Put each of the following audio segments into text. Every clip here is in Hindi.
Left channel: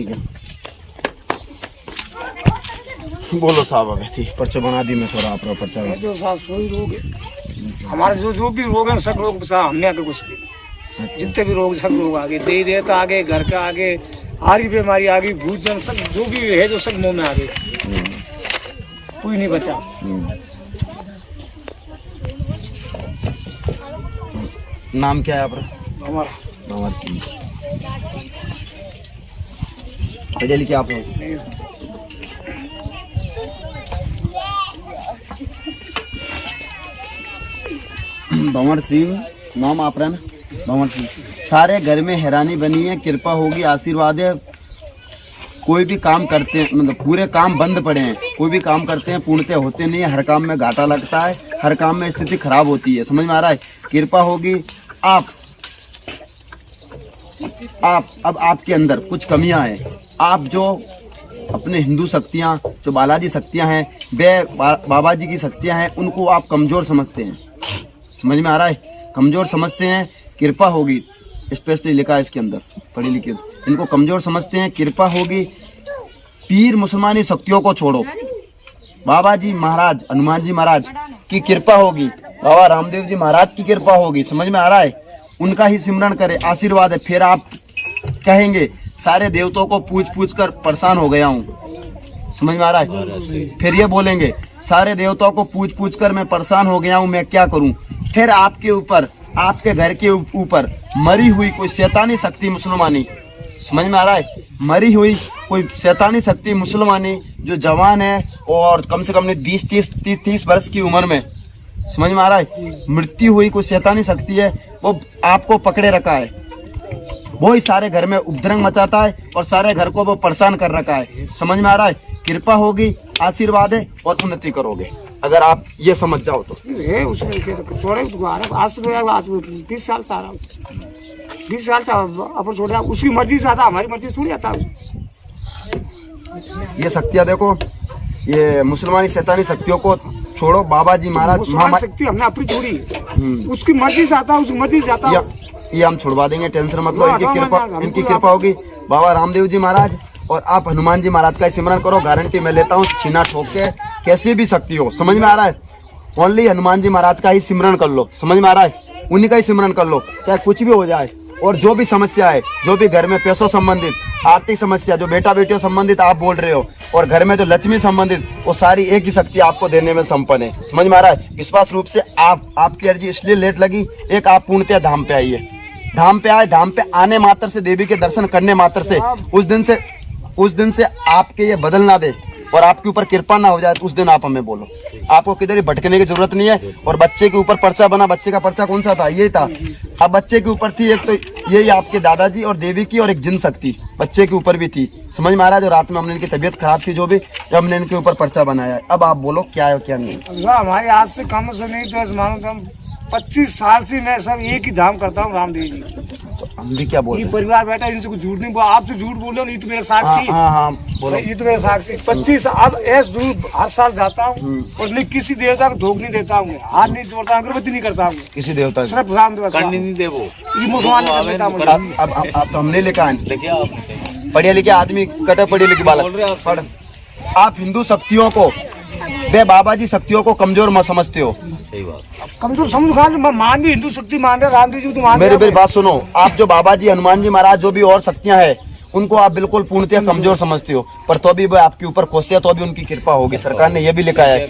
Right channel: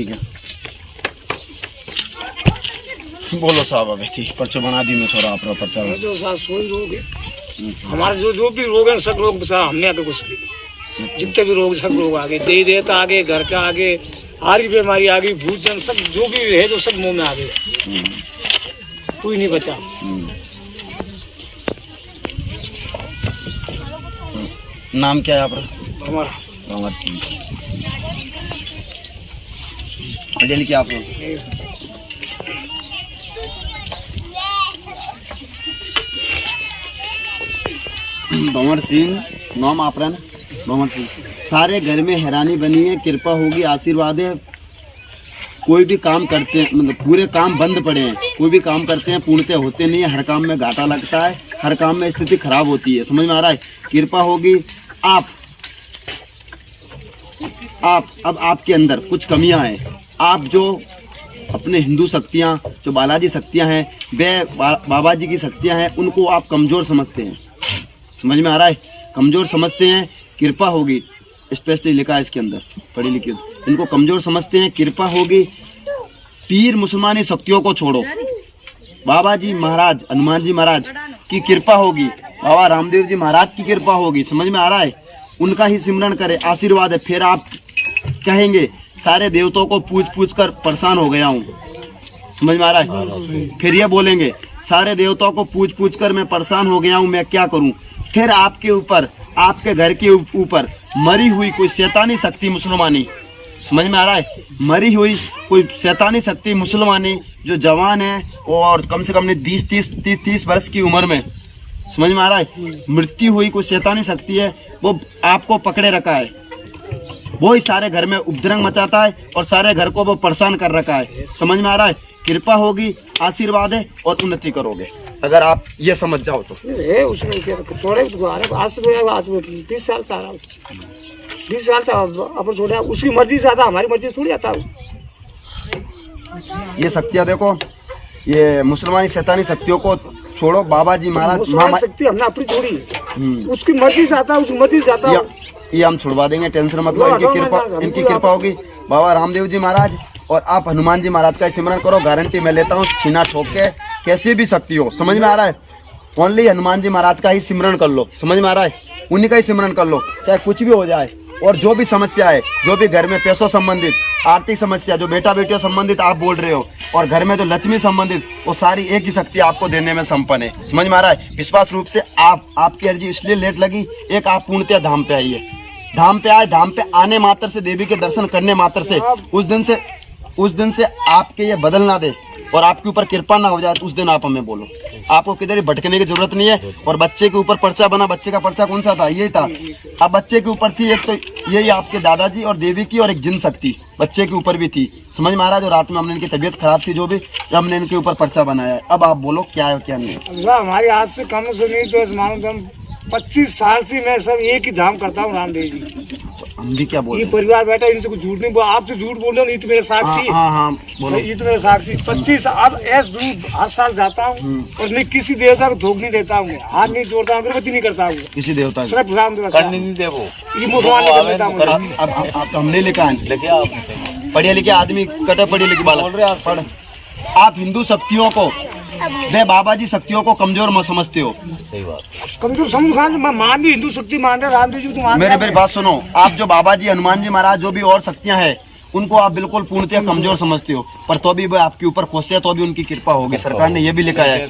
ठीक है, बोलो साहब। अब ठीक पर्चा बना दी मैं थोड़ा आप पर्चा जो कोई रोग है हमारे जो भी रोग है सब रोग हमने आगे कुछ जितने भी रोग सब रोग आगे दे देता आगे घर का आगे हारी बीमारी आ गई भूजन सब जो भी है जो सब मुंह में आ गई कोई नहीं बचा। नाम क्या है आपका? हमारा भंवर सिंह। पढ़े लिखे आप लोग? भंवर सिंह नाम आप रहा ना? भंवर सिंह। सारे घर में हैरानी बनी है, कृपा होगी, आशीर्वाद है। कोई भी काम करते हैं मतलब पूरे काम बंद पड़े हैं, कोई भी काम करते हैं पूर्णतः होते नहीं है, हर काम में घाटा लगता है, हर काम में स्थिति खराब होती है। समझ में आ रहा है? कृपा होगी। आप अब आपके अंदर कुछ कमियां हैं। आप जो अपने हिंदू शक्तियां जो बालाजी शक्तियां हैं वे बाबा जी की शक्तियां हैं, उनको आप कमज़ोर समझते हैं। समझ में आ रहा है? कमज़ोर समझते हैं। कृपा होगी स्पेशली लिखा है इसके अंदर, पढ़ी लिखी। इनको कमज़ोर समझते हैं। कृपा होगी। पीर मुसलमानी शक्तियों को छोड़ो। बाबा जी महाराज हनुमान जी महाराज की कृपा होगी, बाबा रामदेव जी महाराज की कृपा होगी। समझ में आ रहा है? उनका ही सिमरन करें, आशीर्वाद है। फिर आप कहेंगे सारे देवताओं को पूछ कर परेशान हो गया हूँ। समझ में आ रहा है? फिर ये बोलेंगे सारे देवताओं को पूछ कर मैं परेशान हो गया हूँ, मैं क्या करूँ। फिर आपके ऊपर आपके घर के ऊपर मरी हुई कोई शैतानी शक्ति मुसलमानी, समझ में आ रहा है? मरी हुई कोई शैतानी शक्ति मुसलमानी जो जवान है और कम से कम ने 30 वर्ष की उम्र में, समझ में आ रहा है, मृत्यु हुई कोई शैतानी शक्ति है, वो आपको पकड़े रखा है। वो ही सारे घर में उपद्रव मचाता है और सारे घर को वो परेशान कर रखा है। समझ में आ रहा है? कृपा होगी, आशीर्वाद है और उन्नति करोगे अगर आप ये समझ जाओ तो। उसमें छोड़े आज 20 साल से आ रहा 20 साल से अपन छोड़े, उसकी मर्जी से आता, हमारी मर्जी से थोड़ी आता। ये शक्तियाँ देखो, ये मुसलमानी शैतानी शक्तियों को छोड़ो। बाबा जी महाराज शक्ति हमने अपनी छोड़ी, उसकी मर्जी से आता, उसकी मर्जी से आता। ये हम छुड़वा देंगे, टेंशन मतलब। इनकी कृपा होगी। बाबा रामदेव जी महाराज और आप हनुमान जी महाराज का सिमरन करो, गारंटी मैं लेता हूँ। छीना ठोक के कैसी भी शक्ति हो, समझ में आ रहा है? ओनली हनुमान जी महाराज का ही सिमरन कर लो। समझ में आ रहा है? उन्हीं का ही सिमरन कर लो, चाहे कुछ भी हो जाए। और जो भी समस्या है, जो भी घर में पैसों संबंधित, आर्थिक समस्या, जो बेटा बेटियों संबंधित आप बोल रहे हो, और घर में जो लक्ष्मी संबंधित, वो सारी एक ही शक्ति आपको देने में संपन्न है। समझ में आ रहा है? विश्वास रूप से आपकी अर्जी इसलिए लेट लगी, एक आप पूर्णतः धाम पे आइए। धाम पे आए, धाम पे आने मात्र से, देवी के दर्शन करने मात्र से, उस दिन से आपके ये बदल ना दे और आपके ऊपर कृपा ना हो जाए तो उस दिन आप हमें बोलो। आपको किधर ही भटकने की जरूरत नहीं है। और बच्चे के ऊपर पर्चा बना, बच्चे का पर्चा कौन सा था? यही था। अब बच्चे के ऊपर थी एक तो यही आपके दादाजी और देवी की, और एक जिन शक्ति बच्चे के ऊपर भी थी। समझ में आ रहा है? जो रात में हमने इनकी तबीयत खराब थी, जो भी हमने इनके ऊपर पर्चा बनाया है। अब आप बोलो क्या है क्या नहीं। हमारे आज से कम से नहीं तो मानो 25 साल से मैं सब एक ही धाम करता हूँ, रामदेव जी। हम भी क्या बोल, परिवार बैठा, इनसे कुछ झूठ नहीं बोला। आपसे झूठ बोल रहे हो, ये तो मेरा साक्षी। हाँ बोलो। ये तो मेरा साक्षी। 25 अब ऐसे दूर हर साल जाता हूँ और मैं किसी देवता को धोख नहीं देता हूँ, हाथ नहीं जोड़ता हूँ, अगरबत्ती नहीं करता हूँ किसी देवता, सिर्फ रामदेव नहीं दे वो ये मुसलमान नहीं कर देता मुझे। अब तो हमने लिखा है, पढ़े लिखे आदमी, कटे पढ़े लिखे बालक पढ़। आप हिंदू शक्तियों को, वे बाबा जी शक्तियों को कमजोर मत समझते हो। सही बात, कमजोर समझ मैं मान भी हिंदू शक्ति मान रहे, रामदेव जी तो मान। मेरी बात सुनो, आप जो बाबा जी हनुमान जी महाराज जो भी और शक्तियां हैं उनको आप बिल्कुल पूर्णतः कमजोर समझते हो, पर तो भी वो आपके ऊपर कोसे, तो भी उनकी कृपा होगी। सरकार ने ये भी लिखा है,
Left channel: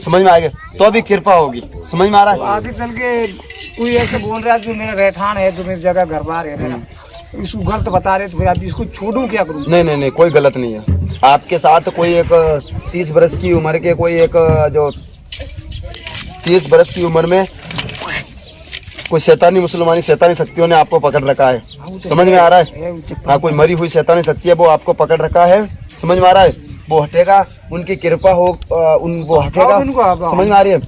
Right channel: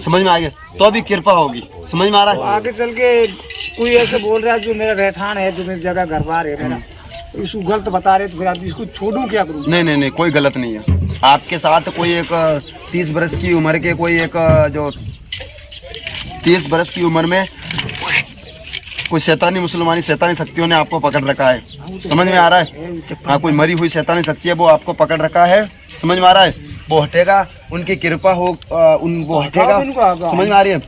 समझ में आ गया? तो भी कृपा होगी। समझ में आ रहा है? आगे चल के कोई ऐसे बोल रहा है जो मेरा रहठान है, जो मेरी जगह घर बार है मेरा, इसको गलत बता रहे तो फिर आप इसको छोड़ूं क्या करूं? नहीं, कोई गलत नहीं है। आपके साथ कोई एक 30 वर्ष की उम्र के, कोई एक जो 30 वर्ष की उम्र में कोई शैतानी मुसलमानी शैतानी शक्तियों ने आपको पकड़ रखा है। समझ में आ रहा है? हाँ, कोई मरी हुई शैतानी शक्ति है, वो आपको पकड़ रखा है। समझ में आ रहा है? वो हटेगा, उनकी कृपा हो, वो हटेगा। समझ में आ रही है?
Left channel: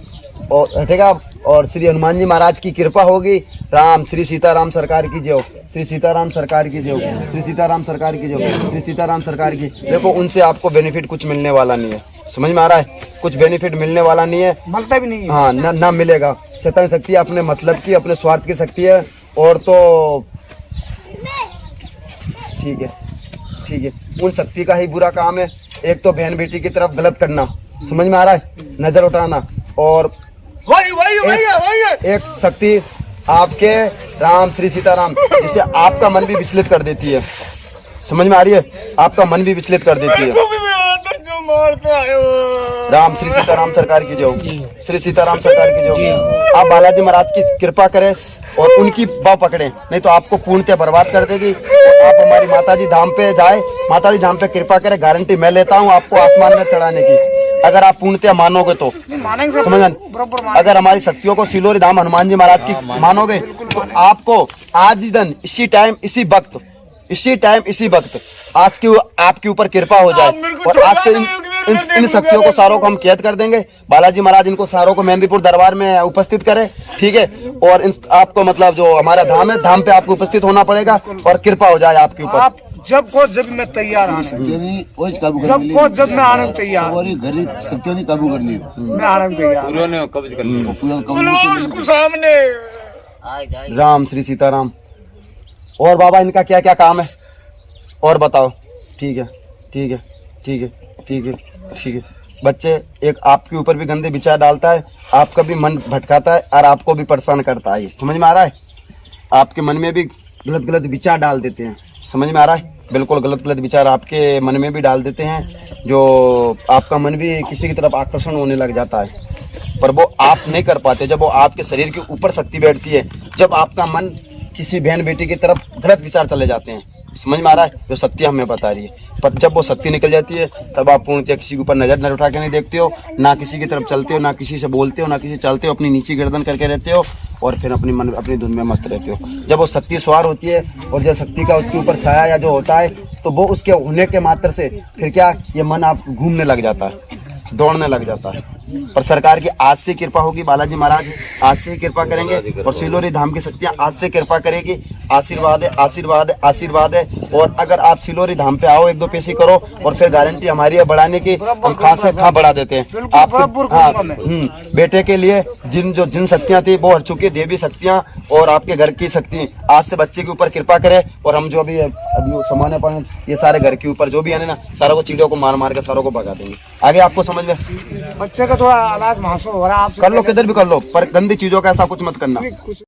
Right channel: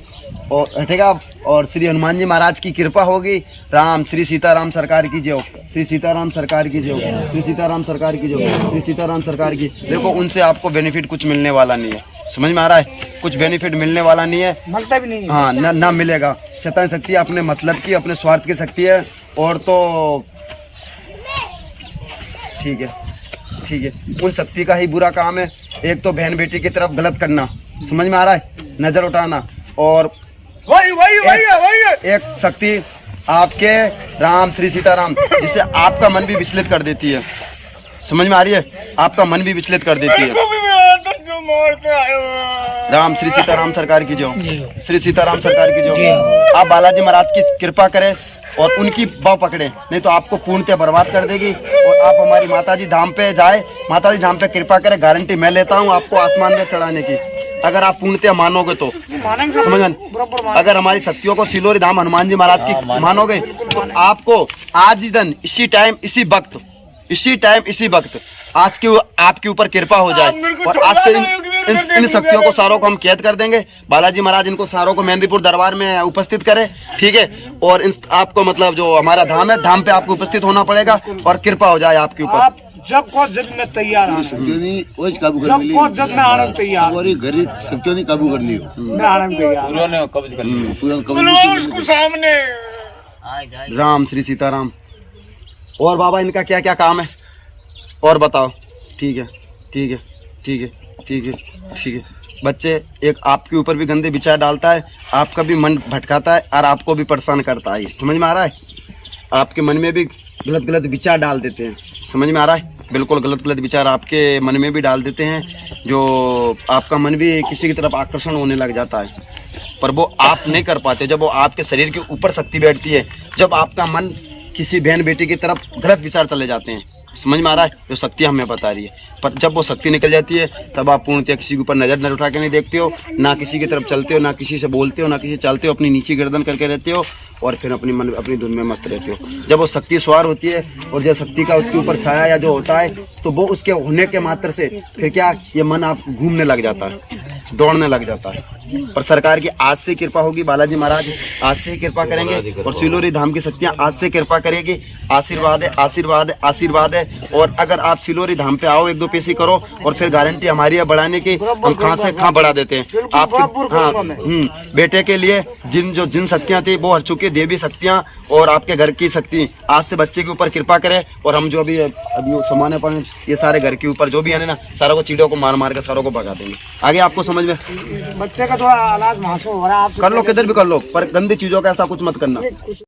और हटेगा। और श्री हनुमान जी महाराज की कृपा होगी। राम श्री सीताराम सरकार की जय, श्री सीताराम सरकार की जय, श्री सीताराम सरकार की जय, श्री सीताराम सरकार की। देखो, उनसे आपको बेनिफिट कुछ मिलने वाला नहीं है। समझ में आ रहा है? कुछ बेनिफिट मिलने वाला नहीं है, मिलता भी नहीं है। हाँ, ना मिलेगा। शैतानी शक्ति अपने मतलब की, अपने स्वार्थ की शक्ति है। और तो ठीक है। ठीक है, उन शक्ति का ही बुरा काम है। एक तो बहन बेटी की तरफ गलत करना, समझ में आ रहा है, नजर उठाना, और एक शक्ति आपके राम श्री सीताराम, जिससे आपका मन भी विचलित कर देती है, समझ में आ रही है, आपका मन भी विचलित कर देती है। राम श्री सीताराम सरकार की जय, श्री सीताराम सरकार की जय। आप बालाजी महाराज की कृपा करें और उनकी बाह पकड़े, नहीं तो आपको पूर्णतः बर्बाद कर देगी। और आप हमारी माताजी धाम पे जाए, माताजी धाम पे कृपा करें, गारंटी मैं लेता हूँ आपको आसमान में चढ़ाने की, अगर आप पूर्णतः मानोगे तो, समझ। अगर हमारी शक्तियों को सिलोरी धाम हनुमान जी महाराज की मानोगे तो आपको आज ही दिन इसी टाइम इसी वक्त आज की आपके ऊपर कृपा हो जाए, और आज से इन शक्तियों को सारों को हम कैद कर देंगे। बालाजी महाराज इनको सारों को मेहंदीपुर दरबार में उपस्थित करें, ठीक है, और आपको मतलब जो हमारा धाम है, धाम पे आपको उपस्थित होना पड़ेगा और कृपा हो जाए आपके ऊपर। आप जब को जब मैं तैयार हूँ, जब को जब मैं आनंद तैयार, काबू कर लियो, मैं आनंद तैयार, कब्ज कर लियो उसको सामने। राम श्री सीताराम। और बाबा इनका क्या क्या काम है और बताओ? ठीक है, ठीक है, ठीक है, ठीक है, ठीक है। बच्चे, एक आपके ऊपर भी गंदे विचार डालता है, आपका भी मन भटकाता है और आपको भी परेशान करता है, समझ में आ रहा है? आपके मन में भी गलत गलत विचार डाल देते हैं, समझ में आ रहा है? बिल्कुल गलत गलत विचार आपके मन में भी डाल देते हैं, जो आपका मन भी किसी की तरफ आकर्षण होने लग जाता है, पर वो आप नहीं कर पाते। जब वो आपके शरीर के ऊपर शक्ति बैठती है, जब आपका मन किसी बहन बेटी की तरफ गलत विचार चले जाते हैं, समझ में आ रहा है? जो शक्ति हमें बता रही है, पर जब वो शक्ति निकल जाती है तब आप पूर्णतः किसी के ऊपर नजर न उठा के नहीं देखते हो, ना किसी की तरफ चलते हो, ना किसी से बोलते हो, ना किसी चलते हो, अपनी नीची गर्दन करके रहते हो और फिर अपनी धुन में मस्त रहते हो। जब वो शक्ति सवार होती है और जब शक्ति का उसके ऊपर छाया या जो होता है, तो वो उसके होने के मात्र से फिर क्या, ये मन आप घूमने लग जाता है, दौड़ने लग जाता है। पर सरकार की आज से कृपा होगी, बालाजी महाराज आज से ही कृपा करेंगे और सिलोरी धाम की शक्तियाँ आज से कृपा करेगी। आशीर्वाद है, आशीर्वाद है, आशीर्वाद है। और अगर आप सिलोरी धाम पे आओ, एक दो पैसे करो और फिर गारंटी हमारी है बढ़ाने की, हम कहाँ से कहाँ बढ़ा देते हैं आपके। हाँ, बेटे के लिए जिन शक्तियाँ थी वो हर चुकी देवी शक्तियाँ और आपके घर की शक्ति आज से बच्चे के ऊपर कृपा करे। और हम जो अभी सामान्य पानी ये सारे घर के ऊपर जो भी है ना, सारों को चीड़ों को मार मार के सारों को भगा देंगे। आगे आपको समझ में? बच्चे का थोड़ा आलाज महसूस हो रहा है, कर लो, किधर भी कर लो, पर गंदी चीजों का ऐसा कुछ मत करना।